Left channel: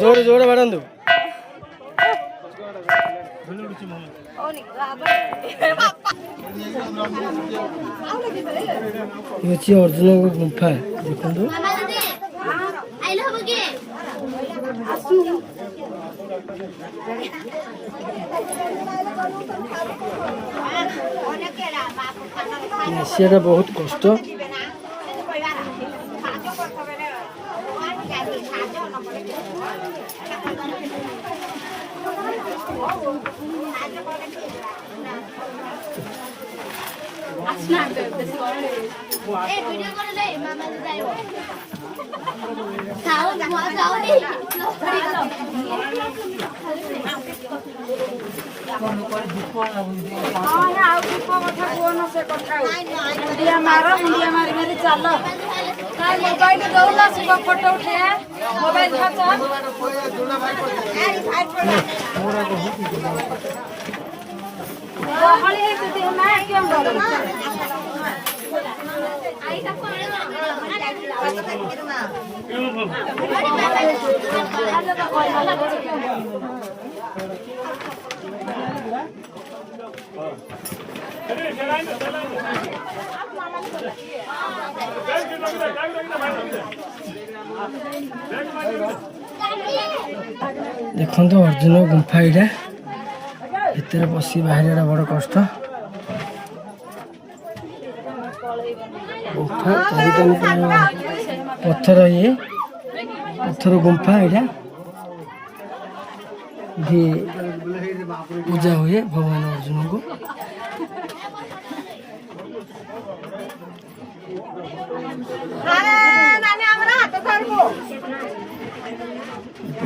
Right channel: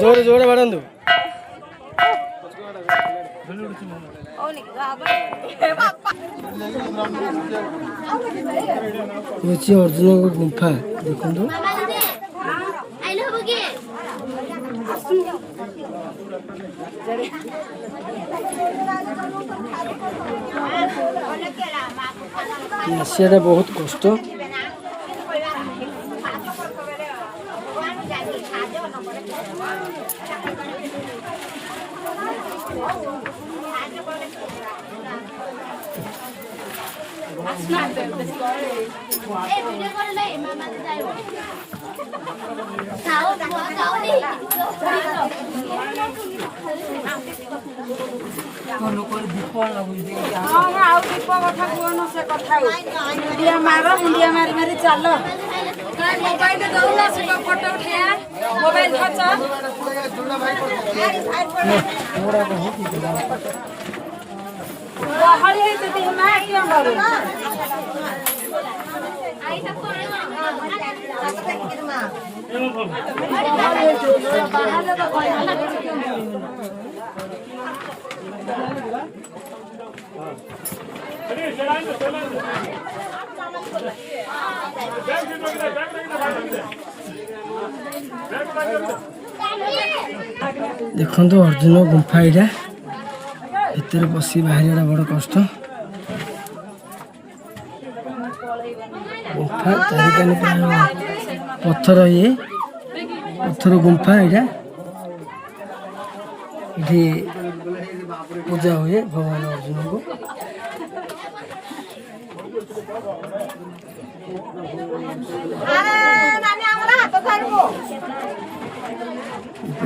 जोरे जोरे बढ़ांदु ये अर्जुन को गुंफा देखो एशिया बहुत कष्ट मारी चल मोबाइल दौला फोटो उठा मोबाइल देखो तो अर्जुन गुंफा यहाँ भर बस बाहर बड़ कष्ट गुंफा चारिकान पत्थर ये पत्थर गुंफा यहाँ ये पूजा हुए भगवान अर्जुन को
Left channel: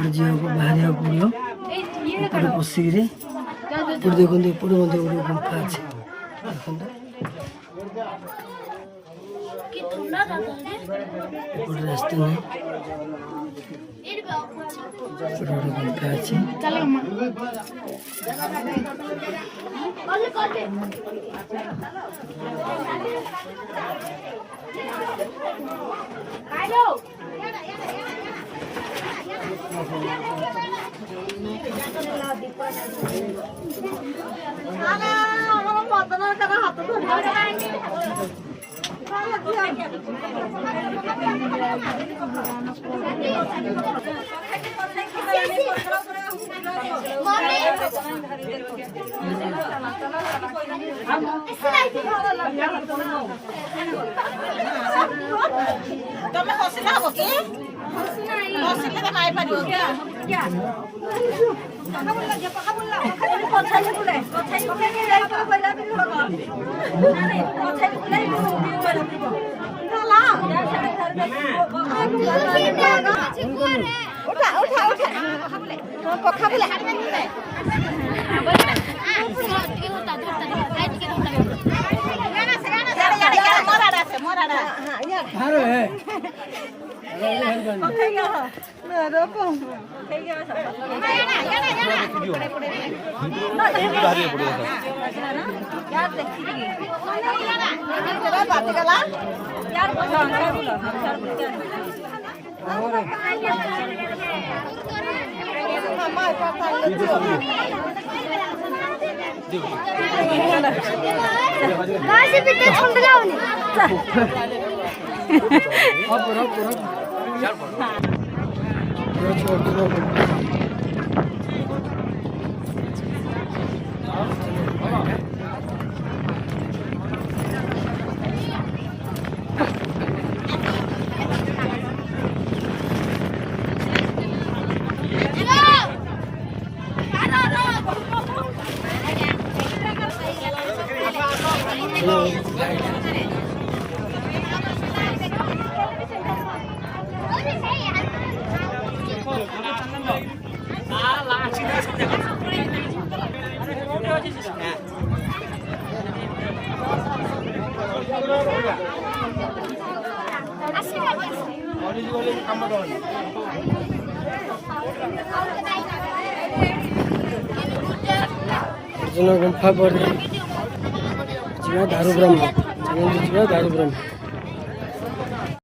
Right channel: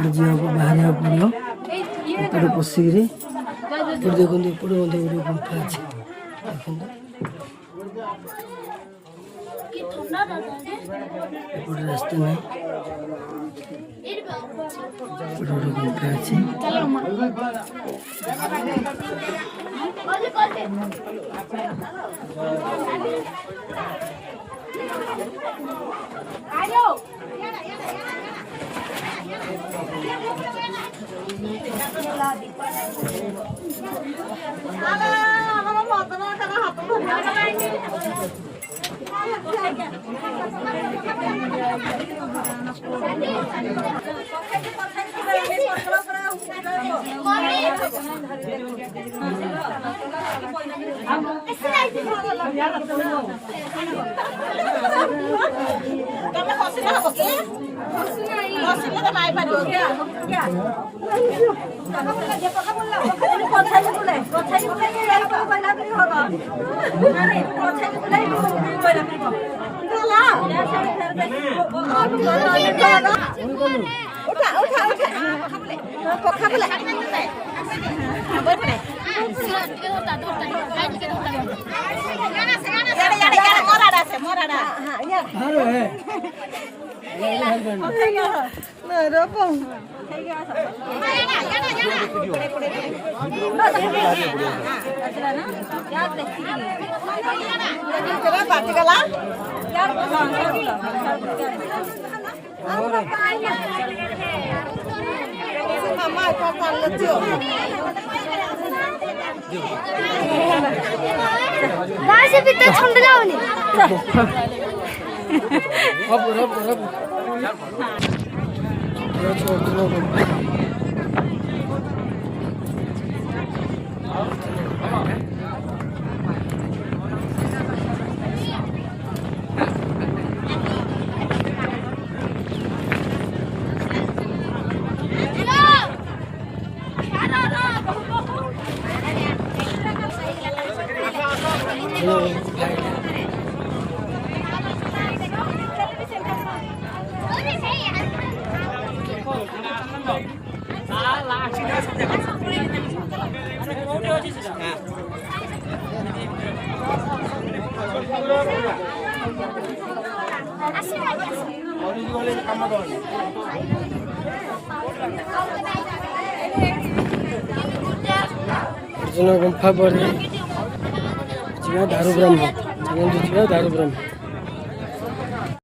झील को बाहर पड़ो पशिक देखो गोटे गुंफा अच्छे देखो रास्ता नहीं गोटे गुंफा अच्छे अर्जुन गुंफा पर दारू ब्रह्म चलते दारू ब्रह्म।